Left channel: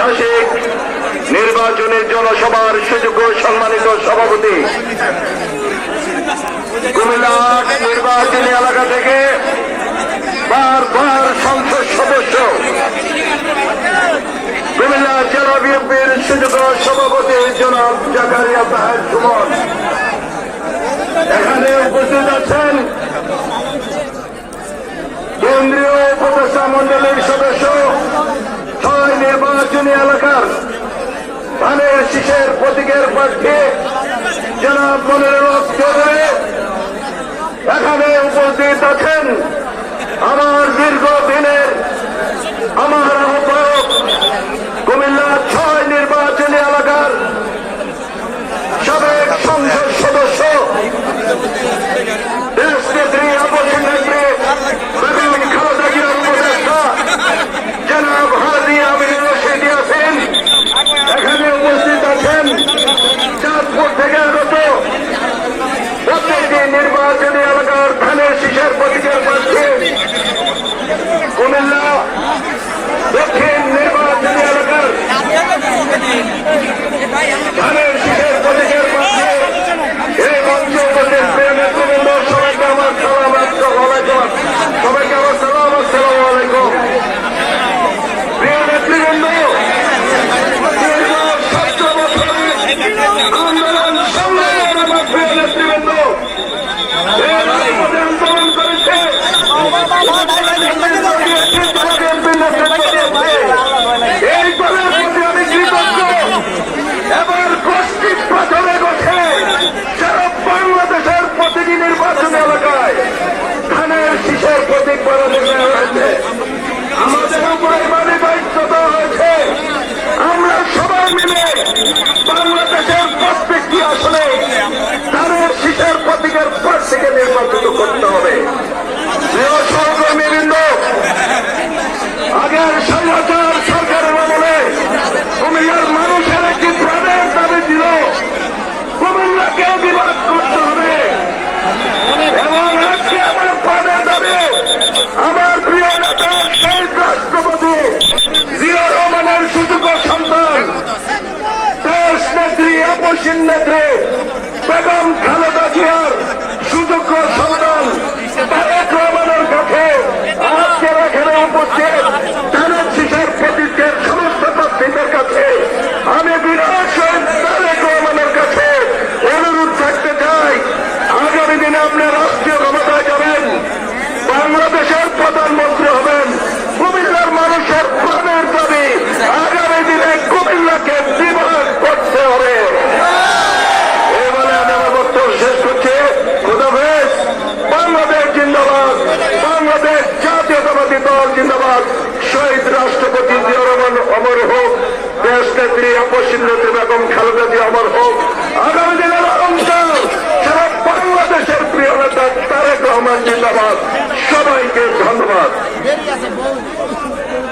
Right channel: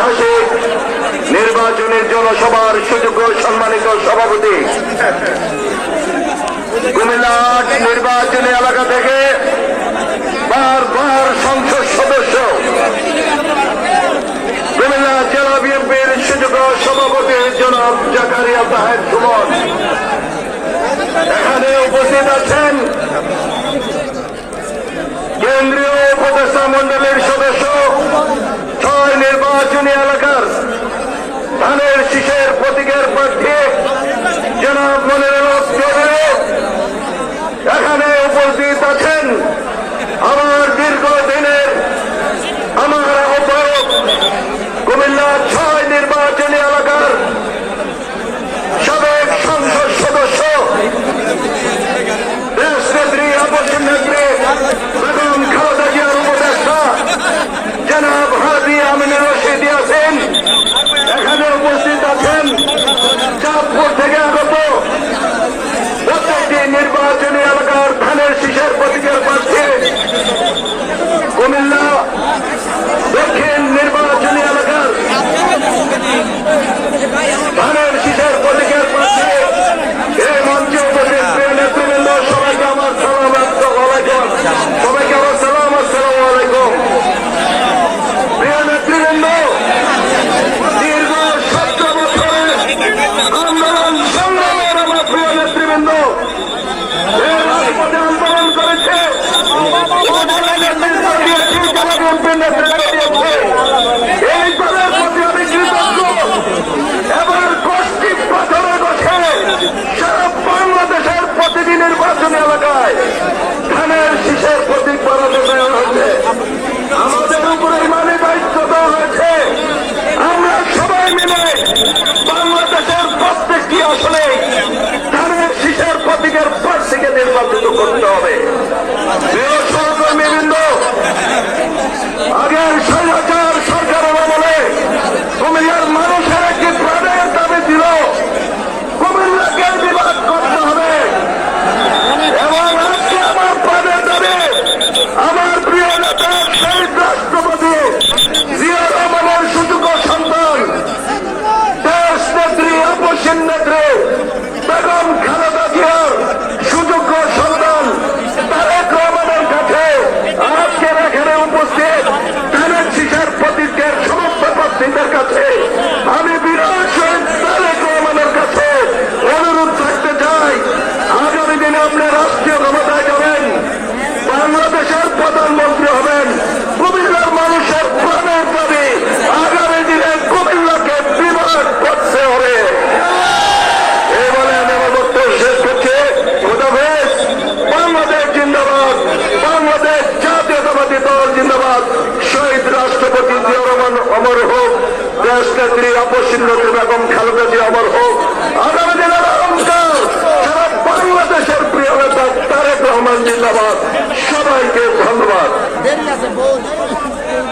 ঐতিহাসিক নির্বাচনের জনসভার সুযোগ্য সম্মানিত সভাপতি, কুমিল্লা নির্বাচনী এলাকা থেকে বারবার সংসদ সদস্য, কুমিল্লা জেলা বিএনপির সুযোগ্য সভাপতি জনাব জাকারিয়া তাহের সুমন, এখানে উপস্থিত আছেন কেন্দ্রীয় উপদেষ্টা মন্ডলীর সদস্য, 6 নির্বাচনী এলাকার ধানের শীষের প্রতীকের প্রার্থী জনাব মনিরুল হক চৌধুরী, এখানে উপস্থিত আছেন আমার দীর্ঘদিনের আমার আহ্বায়ক কুমিল্লা 6 নির্বাচনী এলাকার সাবেক সংসদ সদস্য দেশনেত্রী আপসের নেত্রী বেগম খালেদা জিয়ার উপদেষ্টা জনাব হাজী আমিনুর রশিদ আছেন, এখানে উপস্থিত আছেন চাঁদপুর থেকে আগত প্রত্যেকটি নির্বাচনী এলাকার ধানের শীষের প্রতীকের প্রার্থী, কুমিল্লা দক্ষিণ নির্বাচনী এলাকার ধানের শীষের প্রতীকের প্রার্থী, এই মঞ্চে উপস্থিত প্রিয় নেতৃবৃন্দ, সবাইকে আমার সালাম, সবাইকে আমার সালাম, আসসালামু আলাইকুম। প্রিয় নেতৃবৃন্দ, আন্দোলন সংগ্রামের আমার প্রিয় নেতৃবৃন্দ আন্দোলন করেছে এই দলের প্রতি আমি কৃতজ্ঞ। এবার গোষ্ঠী প্রথমে বসে সারা বাংলাদেশের প্রতিটি নির্বাচন এলাকায় ধানের শীষের প্রতীক পরাজয় হয়েছে, আমাদের উপরে ইমানি দায়িত্ব দেওয়া হয়েছে। আমরা সবাই মিলে বাংলাদেশের প্রত্যেকটি আসলে ধানের শীষের প্রতীকের প্রার্থীকে নির্বাচিত করতে হবে। প্রিয় সহকর্মীবৃন্দ, আগের স্বৈরাচার সরকারের আমলে কুমিল্লার মানুষের একটি প্রাণের দাবি ছিল কুমিল্লাকে বিভাগ করতে হবে, এবং আজকে আমার প্রাণের দাবি আমার প্রিয় নেতা শহীদ রাষ্ট্রপতি জিয়া রহমানের সুযোগ্য সন্তান দেশ নেত্রী আপসের নেত্রী বেগম খালেদা জিয়ার সুযোগ্য সন্তান তারেক রহমানের কাছে আজকের এখানে উপস্থিত ধানের শীষের প্রতীকের সমস্ত প্রার্থীদের কাছে আমি তারেক রহমানের কাছে অনুরোধ করতে চাই, আগামী দিনে আপনি রাষ্ট্রীয় ক্ষমতায় যাবেন, বাংলাদেশের প্রধানমন্ত্রী হবেন, কুমিল্লার মানুষের প্রাণের দাবি আগামী দিনে কুমিল্লাকে বিভাগ করতে হবে। এই বলে আমি আমার বক্তব্য শেষ করছি। খোদাফেজ। বাংলাদেশ জিন্দাবাদ, বাংলাদেশ জাতীয়তাবাদী দল জিন্দাবাদ, শহীদ রাষ্ট্রপতি জিয়া রহমান অমর হোক, দেশ নেত্রী আপসের নেত্রী বেগম খালেদা জিয়া অমর হোক, আগামী দিনের অহংকার সারা বাংলাদেশের প্রিয় নেতা তারেক রহমান জিন্দাবাদ। সবাইকে ধন্যবাদ।